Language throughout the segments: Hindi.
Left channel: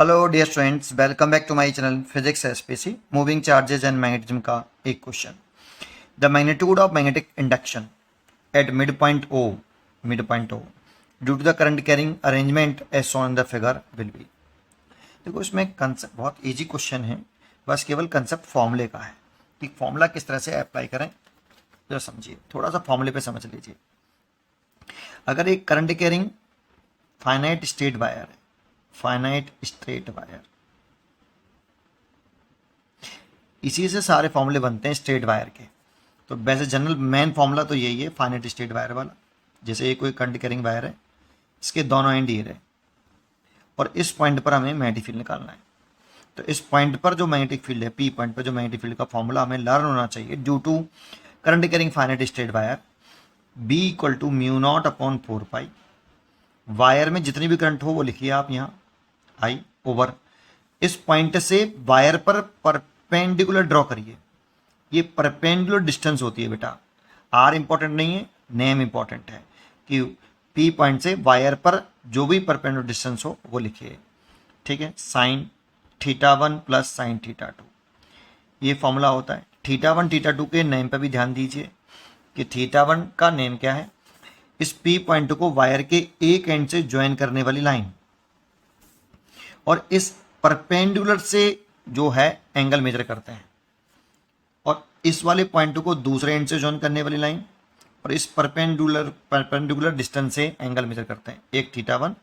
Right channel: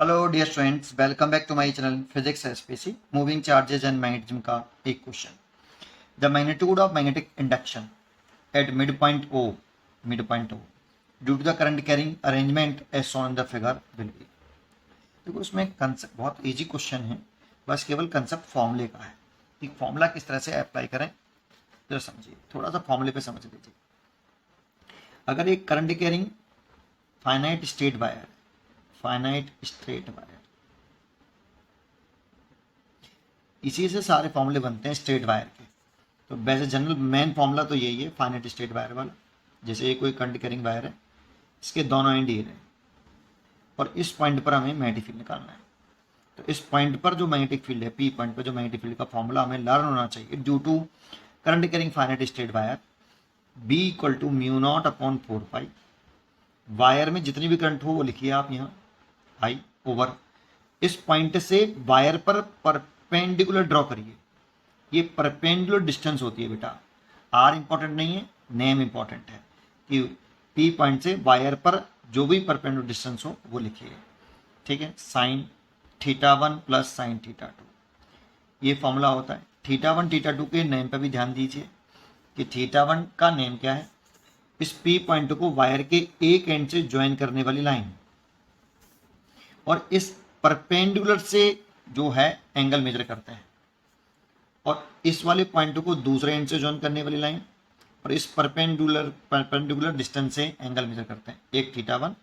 Hello dear students, welcome back to my channel physics SPC. Moving charges and magnetism का एक question. The magnitude of magnetic induction at mid point O due to the current carrying arrangement as shown in the figure will be. देखो, इसमें कंसेप्ट बहुत इजी क्वेश्चन है, बस केवल कंसेप्ट फॉर्मूले का है कि फॉर्मूला किस तरह से अप्लाई करें। तो समझिए, थोड़ा सा फॉर्मूले पे समझ लीजिए। अगर एक current carrying finite straight wire है, फाइनाइट स्टेट वायर, इसी से सारे फॉर्मूले बनते हैं स्टेट वायर के। तो वैसे जनरल मेन फॉर्मूला तो यही है, फाइनाइट स्टेट वायर वाला। जैसे ये कोई करंट कैरिंग वायर है, इसके दोनों एंड ये रहे और इस पॉइंट पर हमें मैग्नेटिक फील्ड निकालना है। तो इस पॉइंट पर जो मैग्नेटिक फील्ड है, पी पॉइंट पर जो मैग्नेटिक फील्ड का फॉर्मूला हमें लर्न होना चाहिए। Due to current carrying finite straight wire, B equal to mu naught upon 4 pi. Wire में जितनी भी करंट हो वो लिखिए आप यहाँ, आई ओवर इस पॉइंट से वायर पर परपेंडिकुलर ड्रॉ करिए। ये परपेंडिकुलर डिस्टेंस होती है बेटा, आर इंपॉर्टेंट नहीं है, नेम इंपॉर्टेंट है कि पी पॉइंट से वायर पर जो भी परपेंडिकुलर डिस्टेंस हो वो लिखिए। ठीक है, sine theta 1 plus sine theta 2, ये फॉर्मूला होता है। थीटा 1 थीटा 2 के नेम पर भी ध्यान दीजिए कि थीटा 1 का नेम क्या है, इस पी पॉइंट को वायर के एक एंड से ज्वाइन करने वाली लाइन, और इस परपेंडिकुलर से जो है एंगल मेजर करते हैं, और इस वाले पॉइंट को दूसरे एंड से ज्वाइन करने वाली लाइन, और इस परपेंडिकुलर डिस्टेंस से एंगल मेजर करते हैं, एक थीटा 1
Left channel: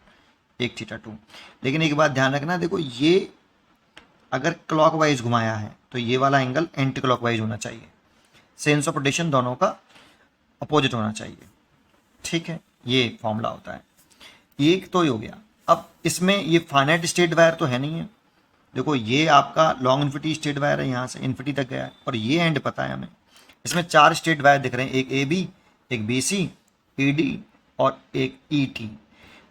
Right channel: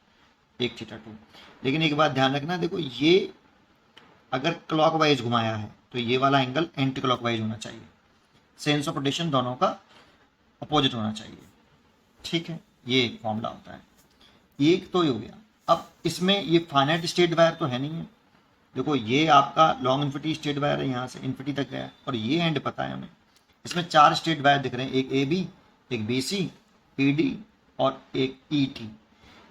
एक थीटा 2। लेकिन एक बात ध्यान रखना, देखो ये अगर क्लॉकवाइज घुमाया है तो ये वाला एंगल एंटी क्लॉकवाइज होना चाहिए, सेंस ऑफ रोटेशन दोनों का अपोजिट होना चाहिए। ठीक है, ये फॉर्मूला होता है। एक तो ही हो गया। अब इसमें ये फाइनाइट स्टेट वायर तो है नहीं है। देखो, ये आपका लॉन्ग इन्फिनिटी स्टेट वायर है, यहाँ से इन्फिनिटी तक गया है, और ये एंड पता है हमें। इसमें 4 स्टेट वायर दिख रहे हैं, एक ए बी, एक बी सी, पी डी और एक ई टी।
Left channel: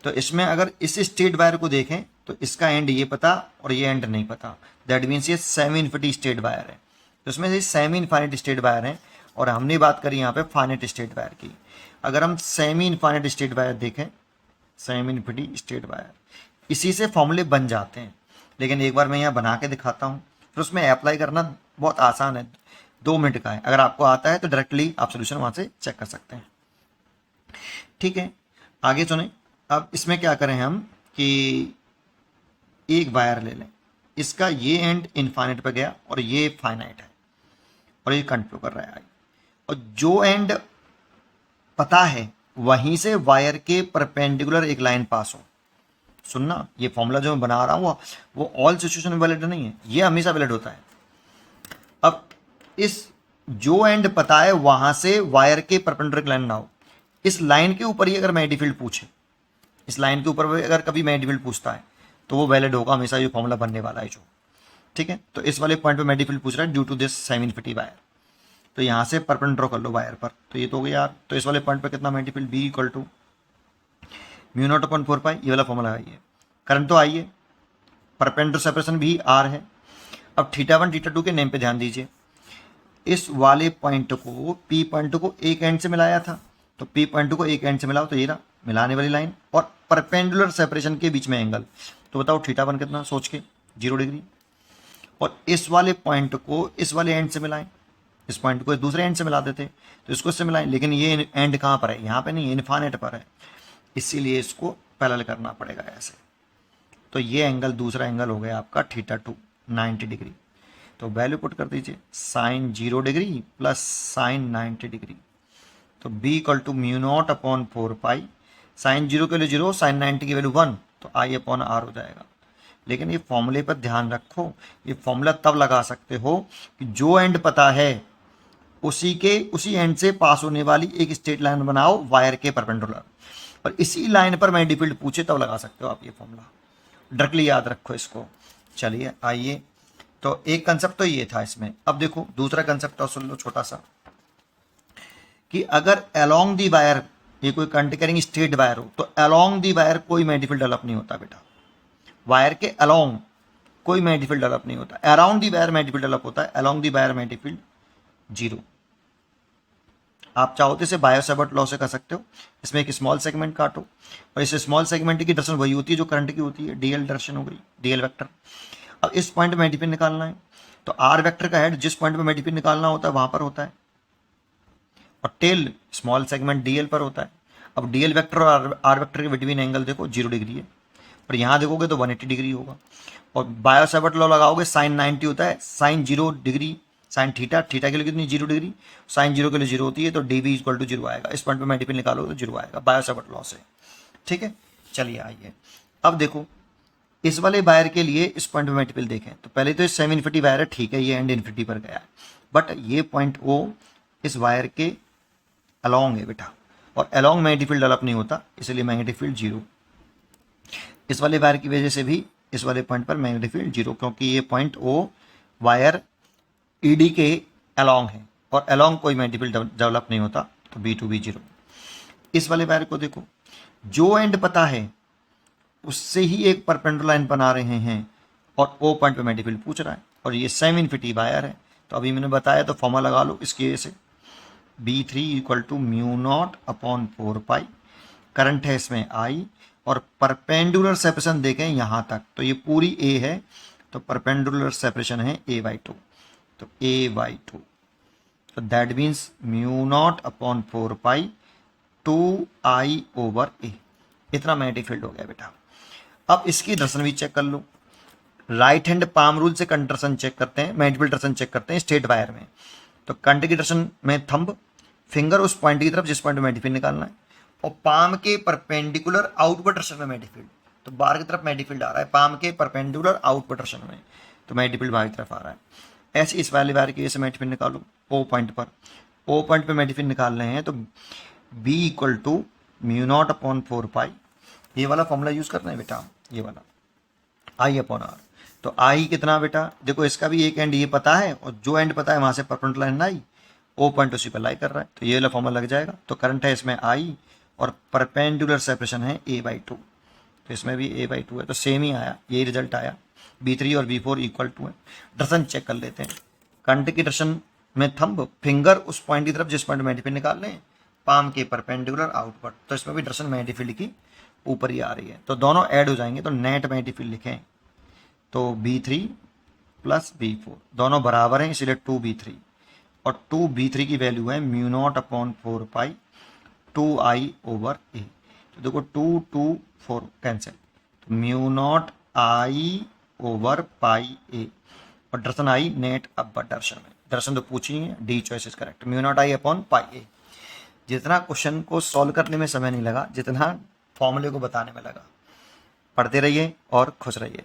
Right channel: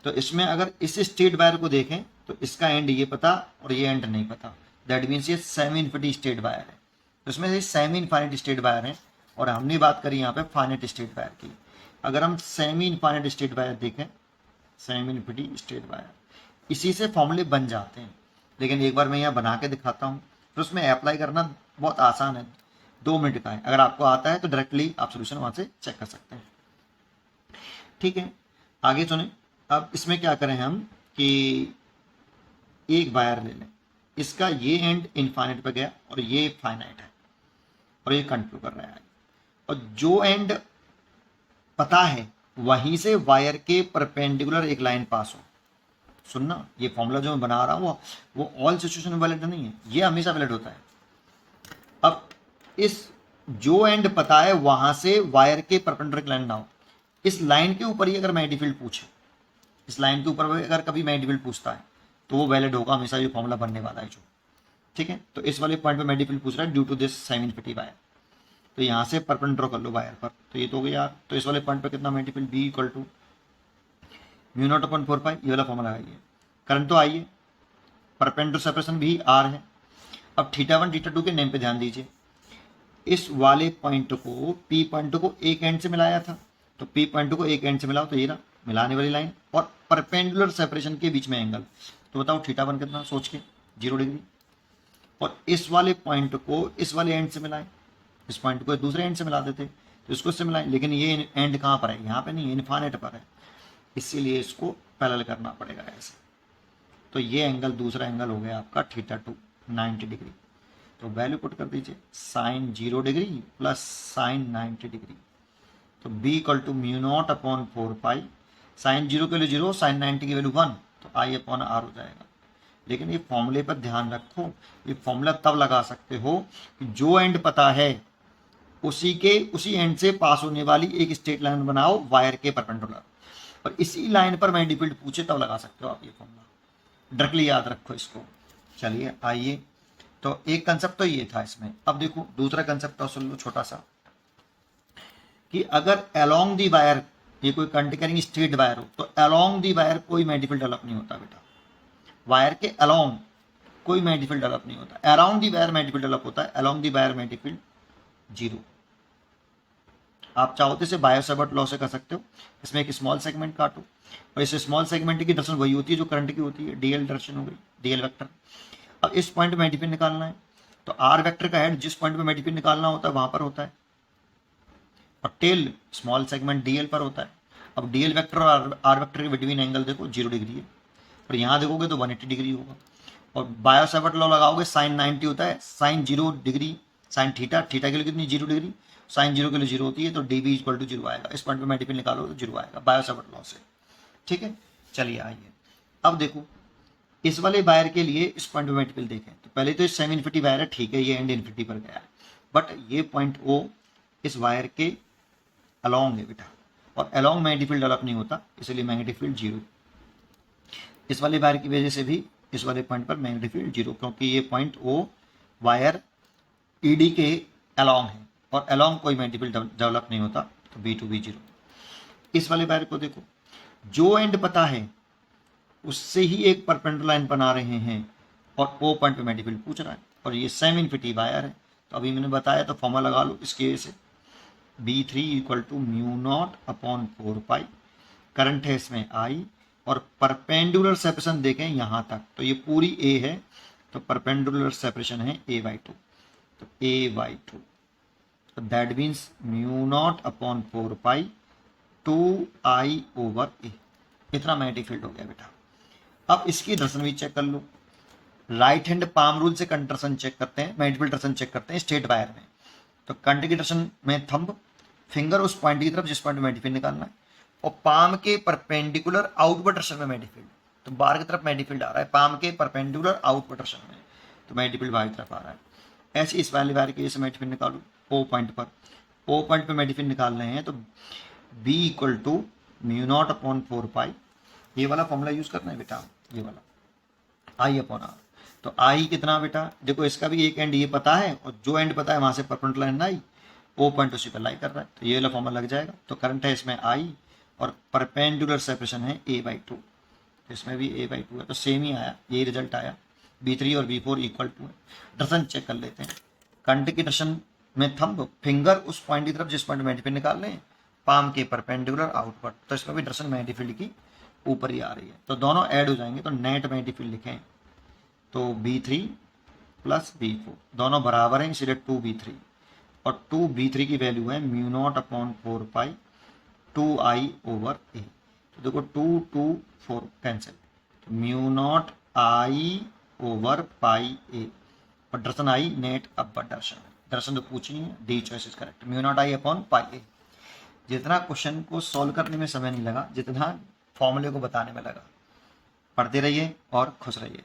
तो इसमें अगर इस स्टेट वायर को देखें तो इसका एंड ये पता और ये एंड नहीं पता, दैट मीन्स ये सेमी इन्फिनिटी स्टेट वायर है। तो इसमें ये सेमी इनफाइनाइट स्टेट वायर है, और हमने बात करी यहाँ पे फाइनाइट स्टेट वायर की। अगर हम सेमी इनफाइनाइट स्टेट वायर देखें, सेमी इन्फिनिटी स्टेट वायर, इसी से फॉर्मूले बन जाते हैं। लेकिन एक बार मैं यहाँ बना के दिखाता हूँ, फिर उसमें अप्लाई करना बहुत आसान है, 2 मिनट का है। अगर आपको आता है तो डायरेक्टली आप सोल्यूशन वहाँ से चेक कर सकते हैं। ठीक है, आगे सुने। अब इसमें क्या करें हम कि एक वायर ले लें, इसका ये एंड इनफाइनाइट पे गया और ये फाइनाइट है, और ये कंटिन्यू कर रहा है, और जो एंड पता है वहीं से वायर के परपेंडिकुलर एक लाइन पास हो। सुनना, ये फॉर्मूला जो मैं बना रहा हूँ वो ऑल सिचुएशन में वैलिड नहीं है, ये हमेशा वैलिड होता है। अब इस जो एंड पता है वहां से वायर के परपेंडिकुलर लाइन ना हो, इस लाइन के ऊपर ही अगर मैग्नेटिक फील्ड पूछे, इस लाइन के ऊपर अगर कभी मैग्नेटिक फील्ड पूछता है तो वो वैलिड होगा हमेशा, ये फॉर्मूला बनने वाला है जो। ठीक है, तो इस वाले पॉइंट पे मैग्नेटिक फील्ड पूछ रहा है due to this semi infinity wire, तो यहाँ से परपेंडिकुलर ड्रॉ कर लो वायर पर, तो ये तो हो गया। तो इस वाले पॉइंट पर कितना magnetic field, B equal to mu naught upon 4 pi, ये वाला फॉर्मूला है। ये करंट तो आइए, परपेंडिकुलर सेपरेशन भी आर है। अब थीटा 1 थीटा 2 के नेम पे ध्यान दीजिए। इस वाले पॉइंट को, पी पॉइंट को एक एंड से मिलाया था, तो पी पॉइंट को एक एंड से मिलाओ तो ये ना मिलाने वाली लाइन, और परपेंडिकुलर सेपरेशन के बीच में एंगल, तो बताओ थीटा 1 कितना, सोच के 0 डिग्री। और इस वाले पॉइंट को इस वाले एंड से मिलाएं, इस पॉइंट को दूसरे एंड से मिला देते तो इसको इससे मिलाएं, लेकिन ये एंड कहाँ पर है, यहाँ पे नहीं, इनफाइनाइट पर है, इसीलिए इसको पैरेलल करना पड़ेगा ऐसे। तो ये एंगल दूसरा एंगल हो गया आपका थीटा 2, 90 डिग्री। तो वैल्यू पुट कर दीजिए, sine 0 degree plus sine 90 degree, तो B equal to mu naught upon 4 pi, sine 0 के लिए 0, साइन 90 की वैल्यू 1, तो आई अपॉन आर हो जाएगा। लेकिन ये फॉर्मूले पर ध्यान रखो, ये फॉर्मूला तब लगा सकते हो कि जो एंड पता है उसी एंड से पास होने वाली एक स्ट्रेट लाइन बनाओ वायर के परपेंडिकुलर, और इसी लाइन पर मैग्नेटिक फील्ड पूछे तब लगा सकते हो आप ये फॉर्मूला, डायरेक्टली याद रखो इसको। चलिए आइए, तो एक कंसेप्ट तो ये था इसमें। अब देखो दूसरा कंसेप्ट और सुन लो छोटा सा, कि अगर अलोंग दी वायर, ये कोई करंट कैरिंग स्ट्रेट वायर हो, तो अलोंग दी वायर कोई मैग्नेटिक फील्ड डेवलप नहीं होता बेटा। वायर के अलोंग कोई मैग्नेटिक फील्ड डेवलप नहीं होता, around the wire magnetic field develop होता है, along the wire magnetic field 0। आप चाहो तो इसे बायो-सैवर्ट लॉ से कर सकते हो। इसमें एक स्मॉल सेगमेंट काटो और इस स्मॉल सेगमेंट की डायरेक्शन वही होती है जो करंट की होती है, डीएल डायरेक्शन हो गई, डीएल वेक्टर। अब इस पॉइंट में एडीपी निकालना है, तो आर वेक्टर का हेड जिस पॉइंट में एडीपी निकालना होता है वहां पर होता है और टेल स्मॉल सेगमेंट डीएल पर होता है। अब डीएल वेक्टर और आर वेक्टर के बिटवीन एंगल देखो 0 डिग्री है, और यहाँ देखोगे तो 180 डिग्री होगा। और बायो-सैवर्ट लॉ लगाओगे, साइन 90 होता है, sine 0 degree, sine theta, theta के लिए कितनी 0 डिग्री, साइन 0 के लिए 0 होती है, तो डी बी इक्वल टू 0 आएगा। इस पॉइंट पे मैं डिपेंड निकालो तो 0 आएगा बायो-सैवर्ट लॉ से। ठीक है, चलिए आइए अब देखो इस वाले वायर के लिए इस पॉइंट पे मल्टीपल देखें तो पहले तो सेम इन्फिनिटी वायर है, ठीक है, ये एंड इन्फिनिटी पर गया, बट ये पॉइंट ओ इस वायर के अलोंग है बेटा, और अलोंग मैग्नेटिक फील्ड डेवलप नहीं होता, इसलिए मैग्नेटिक फील्ड 0। इस वाले वायर की वजह से भी इस वाले पॉइंट पर मैग्नेटिक फील्ड 0, क्योंकि ये पॉइंट ओ वायर ईडी के अलोंग है और अलोंग कोई मैग्नेटिक फील्ड डेवलप नहीं होता, तो बी टू बी 0। इस वाले वायर को देखो, जो एंड पता है उससे ही एक परपेंडिकुलर लाइन बना रहे हैं और ओ पॉइंट पे मैग्नेटिक फील्ड पूछ रहा है, और ये सेम इन्फिनिटी वायर है। तो अभी मैंने बताया तो फॉर्मूला लगा लो इसके से, B3 equal to mu naught upon 4 pi, current है इसमें I, और परपेंडिकुलर सेपरेशन देखें यहाँ तक तो ये पूरी A है, तो परपेंडिकुलर सेपरेशन है A/2, तो A/2, तो that means mu naught upon 4 pi 2I over A, इतना मैग्नेटिक फील्ड हो गया बेटा। अब इसकी दर्शन भी चेक कर लो, राइट हैंड पाम रूल से कंडक्शन चेक करते हैं, मैग्नेटिक फील्ड दर्शन चेक करते हैं स्ट्रेट वायर में। तो कंडक्टर की दर्शन में थंब, फिंगर उस पॉइंट की तरफ जिस पॉइंट में मैग्नेटिक फील्ड निकालना है, और पाम के परपेंडिकुलर आउटवर्ड डायरेक्शन में मैग्नेटिक फील्ड, तो बाहर की तरफ मैग्नेटिक फील्ड आ रहा है, पाम के परपेंडिकुलर आउटवर्ड डायरेक्शन में, तो मैग्नेटिक फील्ड बाहर की तरफ आ रहा है। ऐसे इस वाले वायर के मैग्नेटिक फील्ड निकालो ओ पॉइंट पर, ओ पॉइंट पर मैग्नेटिक फील्ड निकाल रहे हैं, तो B equal to mu naught upon 4 pi, ये वाला फॉर्मूला यूज करना है बेटा, ये वाला आई अपॉन आर। तो आई कितना बेटा, देखो इसका भी एक एंड ये पता है, और जो एंड पता है वहां से परपेंडिकुलर लाइन आई, ओ पॉइंट उसी पर लाई कर रहा है, तो ये वाला फॉर्मूला लग जाएगा। तो करंट है इसमें आई और परपेंडिकुलर सेपरेशन है A/2, तो इसमें भी A/2 है, तो सेम ही आया, यही रिजल्ट आया। B3 और B4 इक्वल टू है। दर्शन चेक कर लेते हैं, करंट की दर्शन में थंब, फिंगर उस पॉइंट की तरफ जिस पॉइंट मैग्नेटिक फील्ड निकाल रहे हैं, पाम के परपेंडिकुलर आउटवर्ड, तो इसमें भी दर्शन मैग्नेटिक फील्ड की ऊपर ही आ रही है, तो दोनों ऐड हो जाएंगे, तो नेट मैग्नेटिक फील्ड लिखें तो B3 प्लस B4 दोनों बराबर हैं, इसलिए 2B3, और 2B3 की वैल्यू है mu naught upon 4 pi 2I over A। तो देखो 2 2 4 कैंसिल, तो mu naught I over pi A, और दर्शन आई नेट अपर दर्शन, दर्शन तो पूछी है, D choice is correct, mu naught I upon pi A। जितना क्वेश्चन को सॉल्व करने में समय नहीं लगा, जितना फॉर्मूले को बताने में लगा। पढ़ते रहिए और खुश रहिए।